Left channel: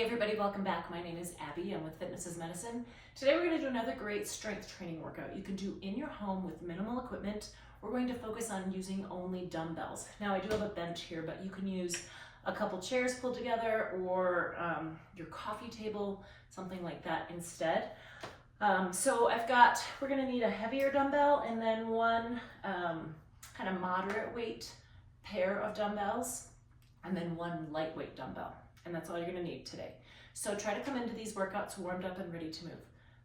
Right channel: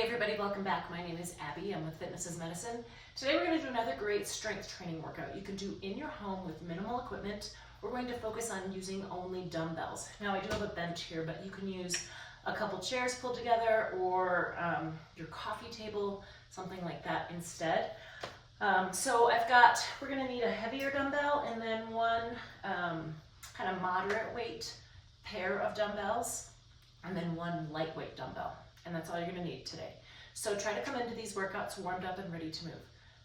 Hey everybody, welcome back. My name is Abby. I'm with Fitness is Medicine. Today we're going to do another great strength training workout you can do in your home with minimal equipment. We're going to focus on using only dumbbells. Now I do have a bench here, but you can use a couple chairs pulled together or your coffee table, something like that instead. We're going to need a heavier dumbbell and then one kind of moderate weight pair of dumbbells and then one lightweight dumbbell. And that's all you're gonna need today. So try to come into these workouts warmed up and ready to move.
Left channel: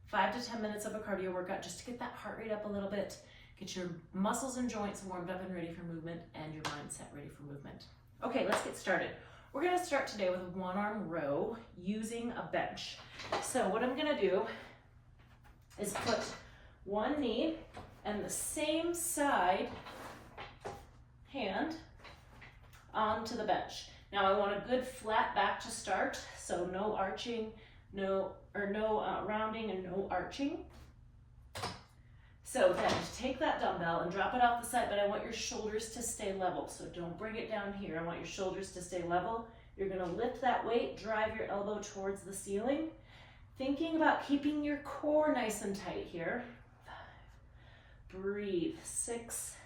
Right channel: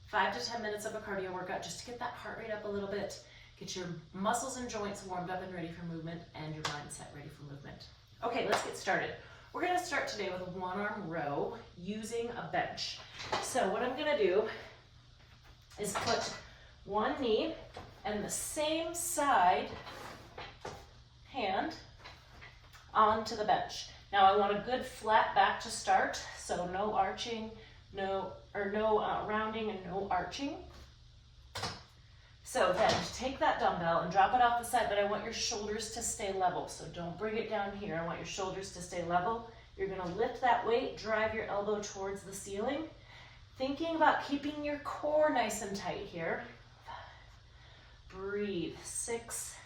5 to 10 minutes of a cardio workout just to get that heart rate up a little bit, get your muscles and joints warmed up and ready for movement, and your mindset ready for movement. Okay, let's get started. We're gonna start today with a one-arm row using a bench. So what I'm gonna do is put one knee and the same side hand onto the bench. Now I want a good flat back to start, so no arching, no rounding and no arching. So then take that dumbbell and drop it off the side, but I want your shoulders to stay level. So don't bring it down here. I want your shoulders to stay level. You're gonna lift that weight, drive your elbow towards the ceiling. Thinking about keeping your core nice and tight here. 5, breathe, 6,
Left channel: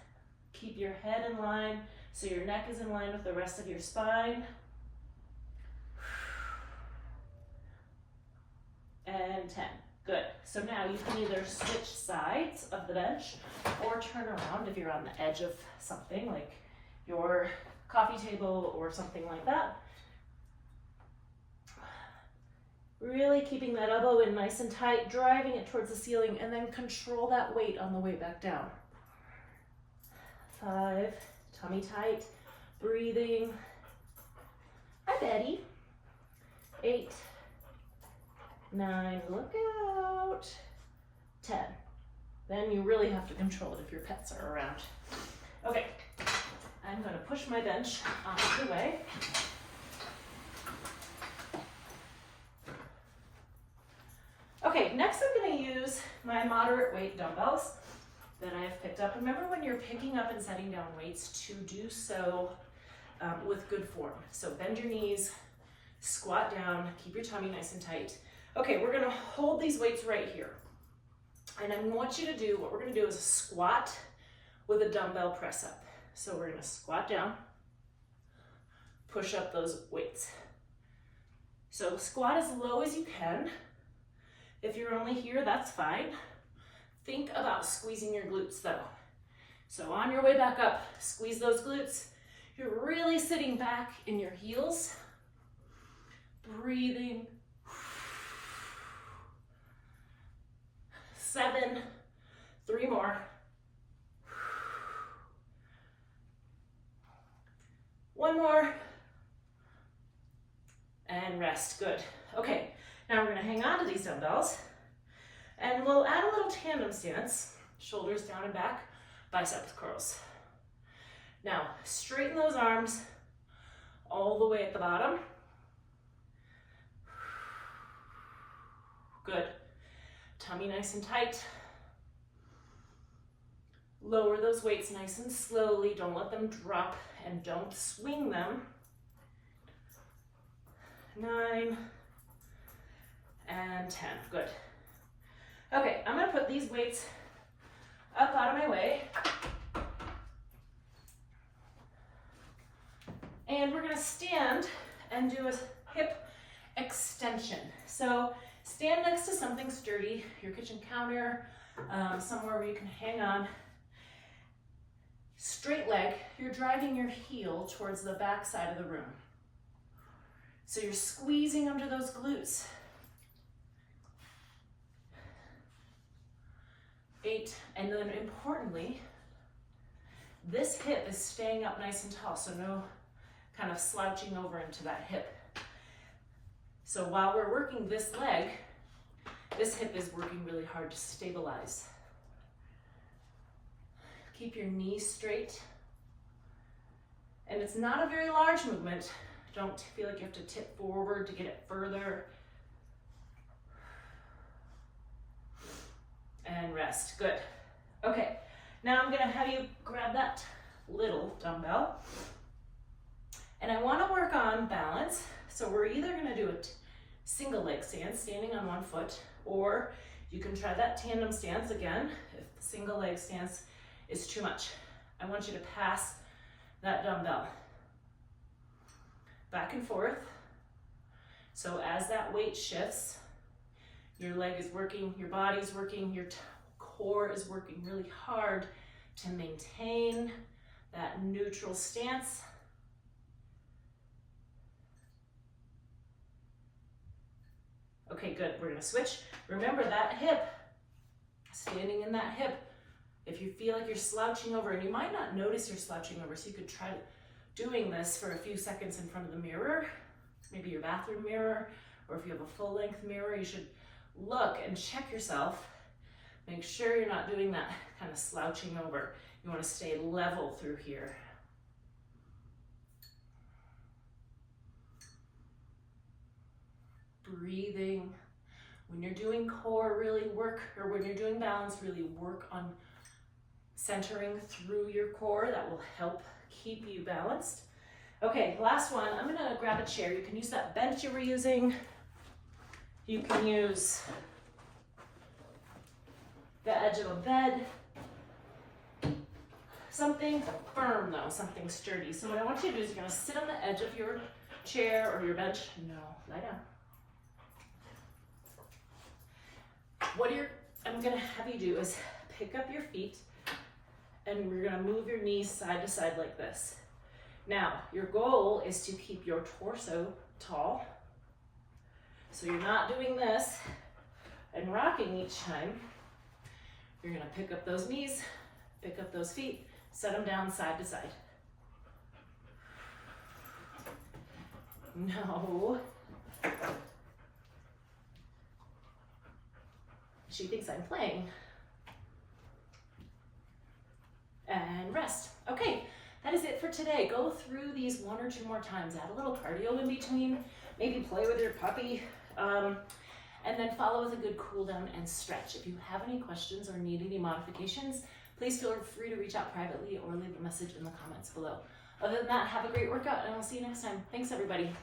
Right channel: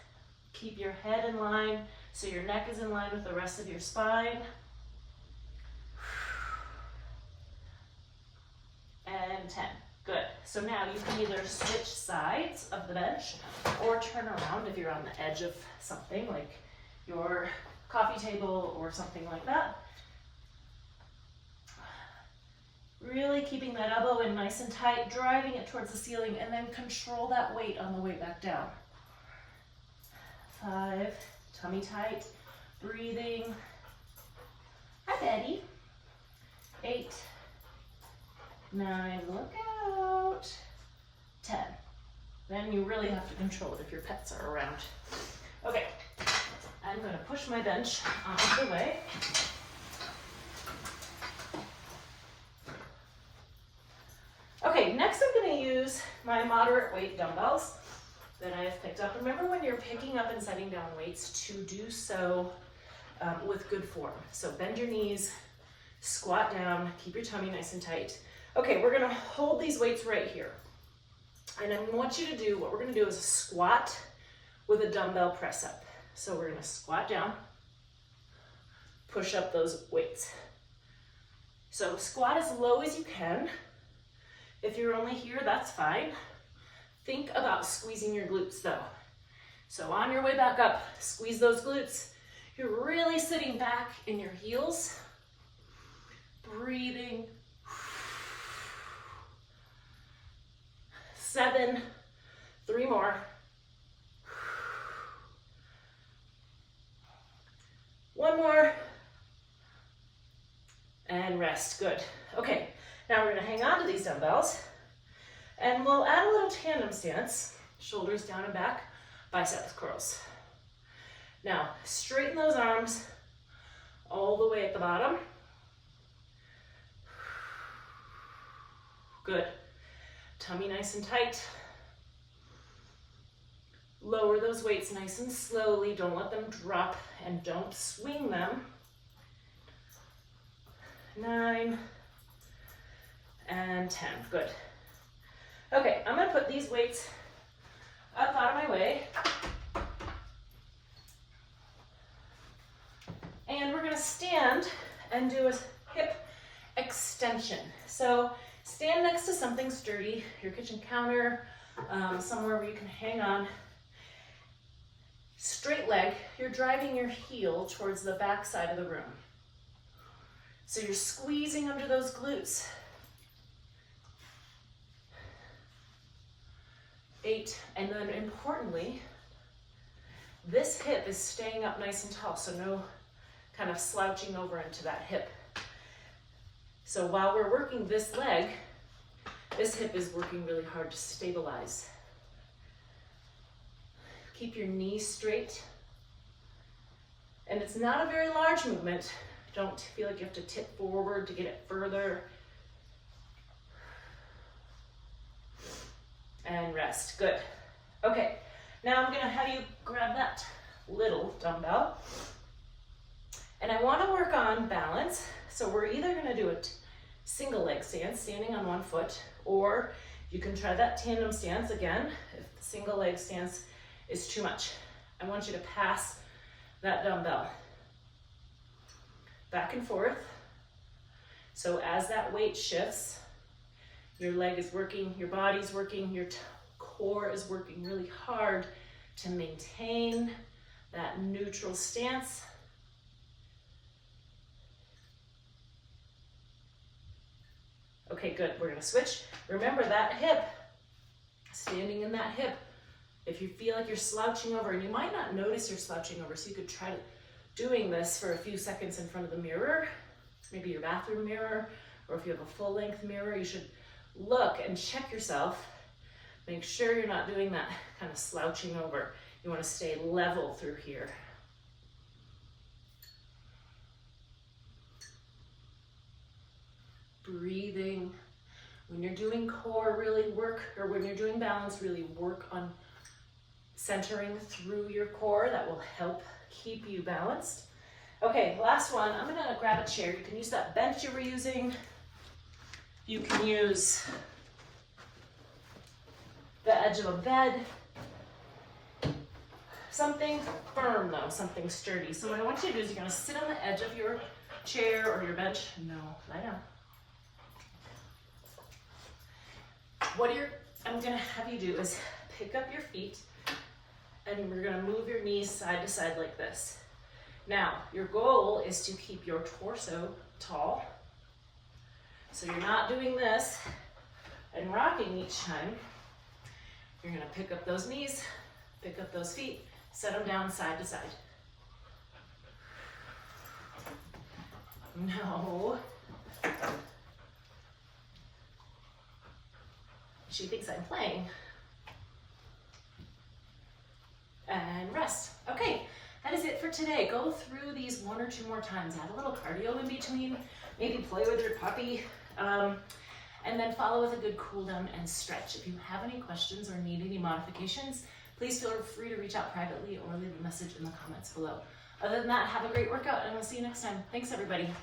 keep your head in line. So your neck is in line with the rest of your spine. And 10, good. So now you can either switch sides of the bench or turn around if you're on the edge of something like your coffee table or something like that. Really keeping that elbow in nice and tight, driving it towards the ceiling, and then control that weight on the way back down. 5, tummy tight, breathing. Hi, Betty. 8, 9, look out. 10. Then you really have to control it if your pets are around. Okay, I'm going to push my bench out of the way. Okay, next I'm going to use my moderate weight dumbbells that I have picked up. Remember when you're picking up and setting down weights to do so with good form. So bend your knees, squat down, keep your tummy nice and tight. Okay, we're gonna hold these weights right here. And I want you to do, what we're gonna do is a squat with a dumbbell press up. So we're gonna squat down, push up those weights. So squat as low as you can. If you're only here, that's fine. Think about squeezing your glutes though. So on your way back up, squeeze those glutes. You're really sitting back in your heels. Breathing. 7, 3 more. 1 more. And rest, good. Okay, now we're gonna hang on to these dumbbells. And we'll add a little tandem stance, shoulders down and back, biceps curls. Now, straighten those arms all the way at the bottom. Good. Tummy nice and tight. Lower those weights nice and slowly. Don't let them drop and don't swing them. 9 and 10, good. Okay, I'm gonna put these weights up out of my way. And we're gonna stand and do a hip extension. So stand next to something sturdy, your kitchen counter, somewhere where you can hang on. Straight leg, you're driving your heel towards the back side of the room. So you're squeezing under those glutes. 8, and then importantly, this hip is staying up nice and tall, so no kind of slouching over into that hip. So while we're working this leg, this hip is working really hard to stabilize. Keep your knees straight. And it's not a very large movement. Don't feel like you have to tip forward to get it further. And rest, good. Okay, now I'm gonna have you grab that little dumbbell. And I wanna work on balance. So we're either gonna do it single leg stance, standing on one foot, or you can try that tandem stance again if the single leg stance is too much. I want you to pass that dumbbell back and forth. So as that weight shifts, your leg is working, your body's working, your core is working really hard to maintain that neutral stance. Okay, good. We're gonna switch. Remember that hip, standing in that hip. If you feel like you're slouching over, and you might not notice you're slouching over, so you could try doing this for a few seconds in front of the mirror, maybe your bathroom mirror, or if you have a full-length mirror, you should look and check yourself. Make sure you're not doing that kind of slouching over. You want to stay level through here. Breathing. When you're doing core, really work, or when you're doing balance, really work on centering through your core. That will help keep you balanced. Okay, last one. I'm gonna grab a chair. You can use that bench you were using. You can use the edge of a bed. Something firm though, something sturdy. So what I want you to do is you're gonna sit on the edge of your chair or your bench. No, lie down. I'm gonna have you do is pick up your feet and we're gonna move your knees side to side like this. Now, your goal is to keep your torso tall. So you're not doing this and rocking each time. You're gonna pick up those knees, pick up those feet, set them down side to side. No. She thinks I'm playing. And rest. Okay, that is it for today. Go through these 1 or 2 more times. Add a little cardio in between. Maybe play with your puppy. And then follow with a good cool down and stretch. If you have any questions or need any modifications, please feel free to reach out privately or leave a message in the comments below. Other than that, have a great workout and we'll see you next time. Thanks everybody.